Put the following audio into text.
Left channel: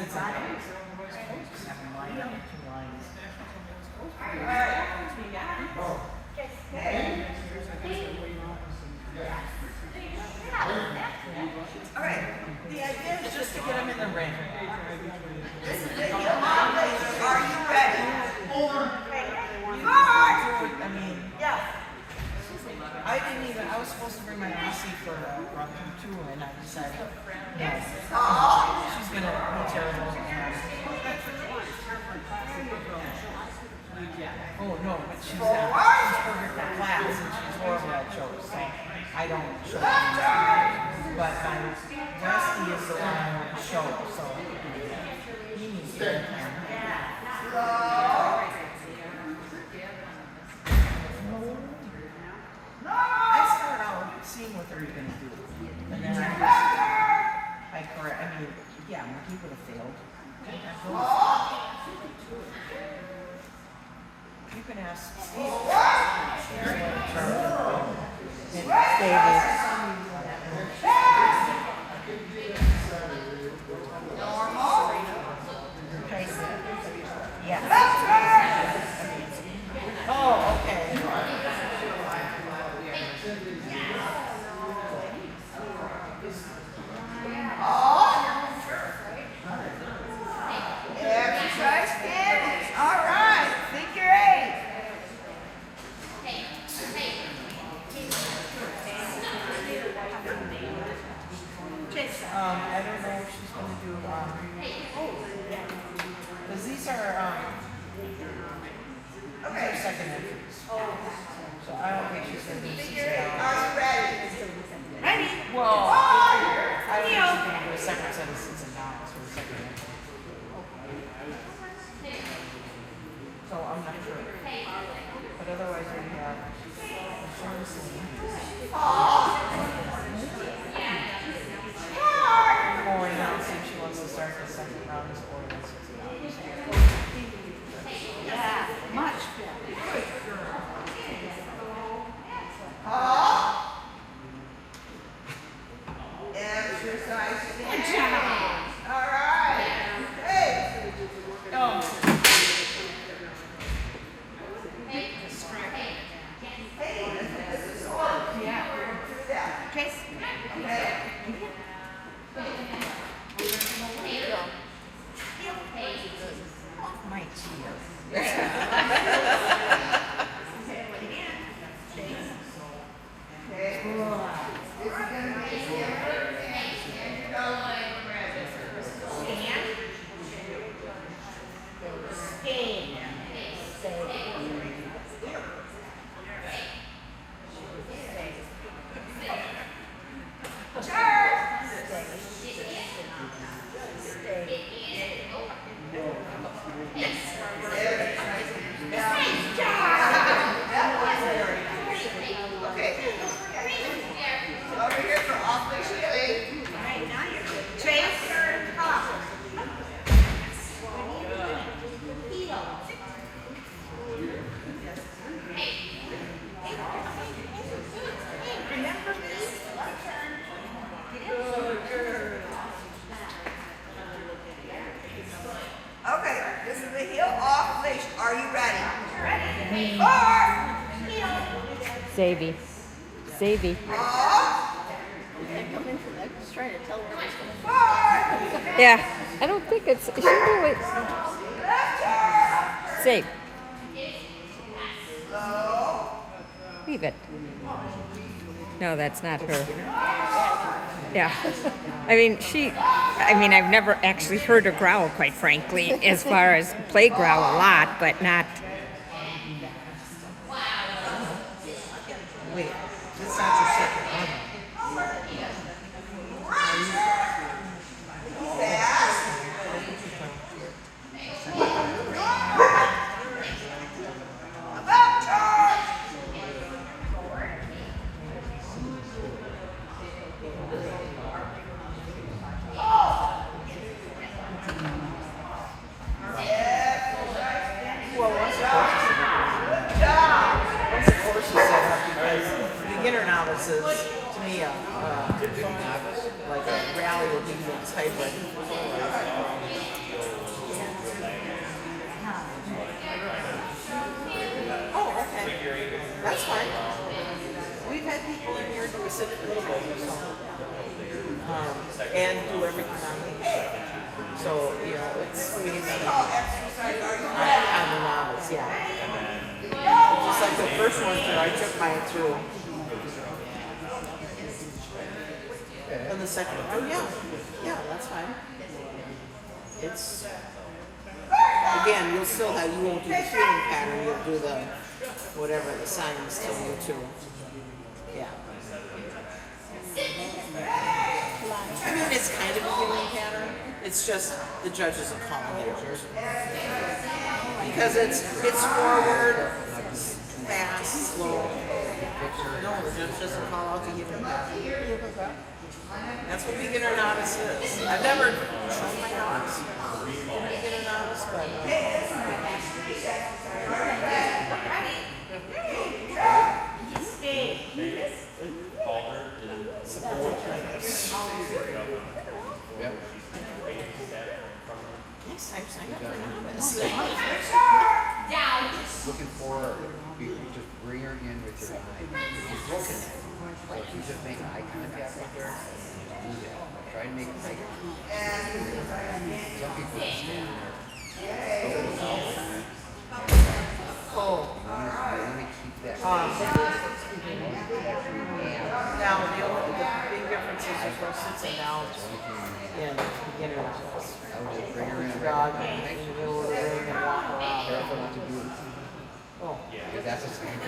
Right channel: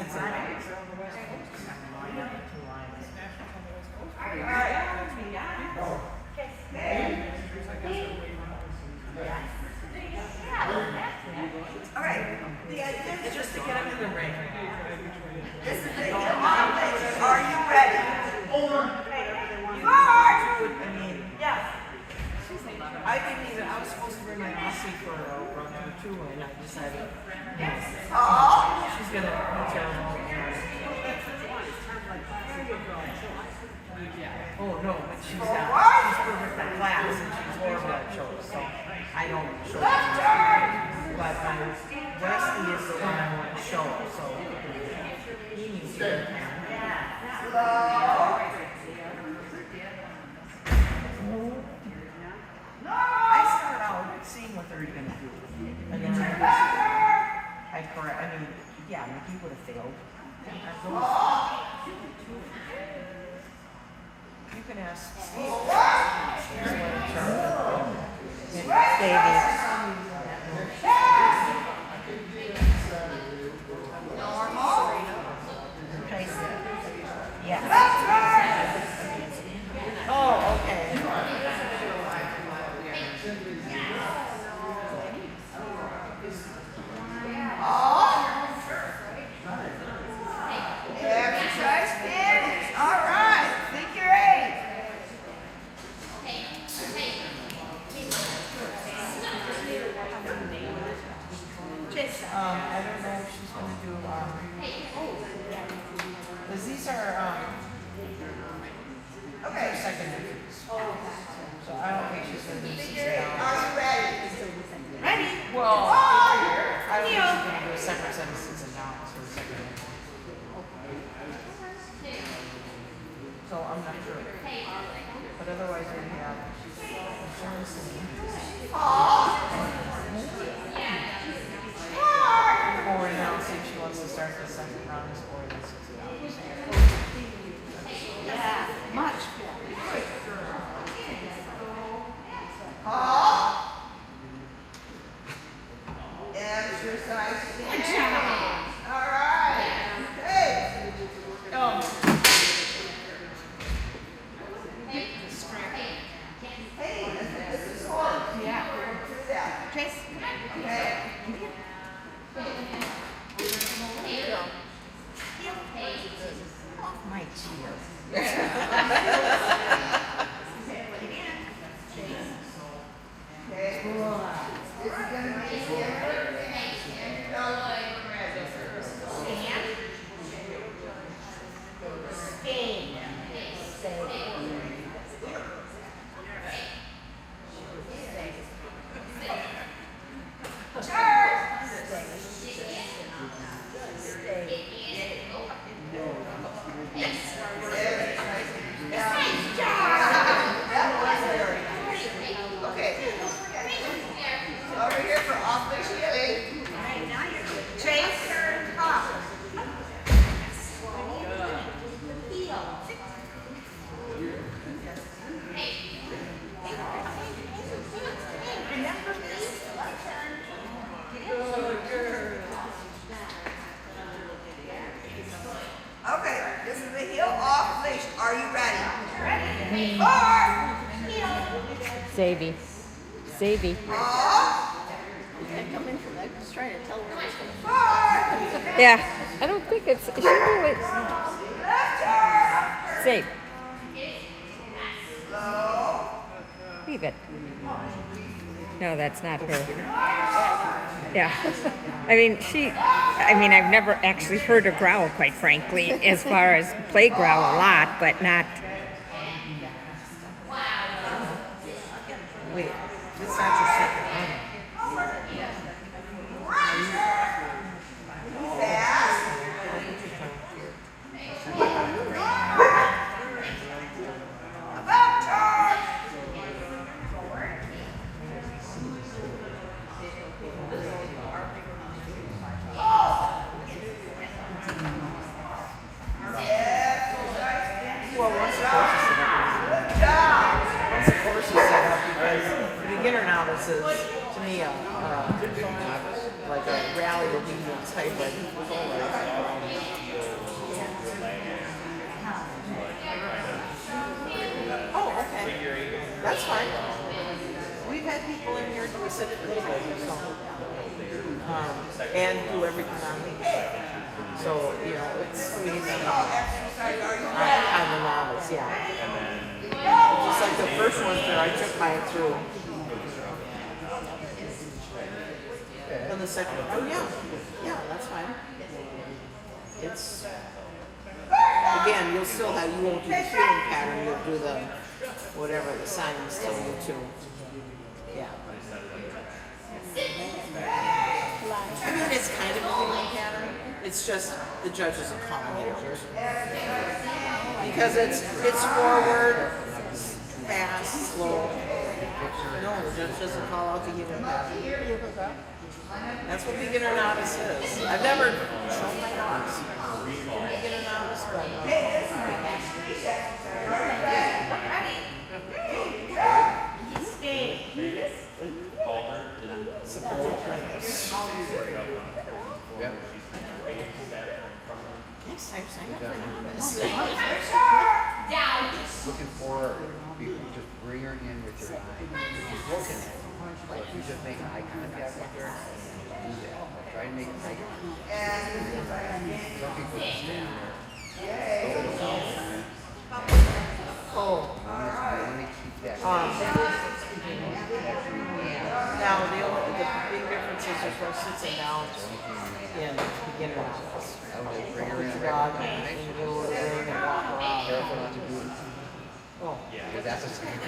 All right. The idea is just to get them in the ring. Are you ready? I didn't even, I was supposed to bring my PC for run-thru and I decided, yes. She's going to be terrible. Oh, no, but she's perfect for class and she's horrible at shows, so I don't show her. But Westy is the one I want to show her, so he needs to be seeing what they're going to do. And then I correct, I mean, yeah, he would have failed. You can ask Steve. Yes. Oh, okay. Exercise finish. All right. Figure 8. Chesa. I don't know if she's going to do because these are okay. Second. So I don't think she's going to do these. Are you ready? Ready? Well, I don't think she's going to do a second set of 6 and 9. So I'm not sure. But otherwise, we have and I'll see if she wants to start the second round. Yeah, much better. Exercise. All right. Hey. This is hard. Yeah. Chase. My cheers. Savvy. Yeah, I don't think it's. She knew it. Save. Leave it. No, that's not her. Yeah. I mean, I've never actually heard her growl, quite frankly, as far as play growl a lot, but not. Wait, this is your second one. Beginner novices, to me, like a rally obedience type of sit for the so, and do everything on me. So, you know, it's mainly I'm a novice, yeah. Just like the first one that I took mine through. And the second one, oh yeah, that's fine. It's, again, you'll still have, you won't do the feeling pattern, you'll do the, whatever the silence tell you to. Yeah. I mean, it's kind of a feeling pattern. It's just the judge doesn't call it because it's forward, fast, slow. No, the judge doesn't call out to give it back. That's what beginner novice is. I've never shown novice. Beginner novice, next time sign up for novice. Looking for, you just bring her in with your eye. She's looking at you. Like you just make eye contact with her. Try to make it bigger. Some people just stand there. Oh. Really keep that. Now, the big difference is you're supposed to sit down in beginner novice. With your dog in the middle of the ring and walk around. Oh. Because that's the same.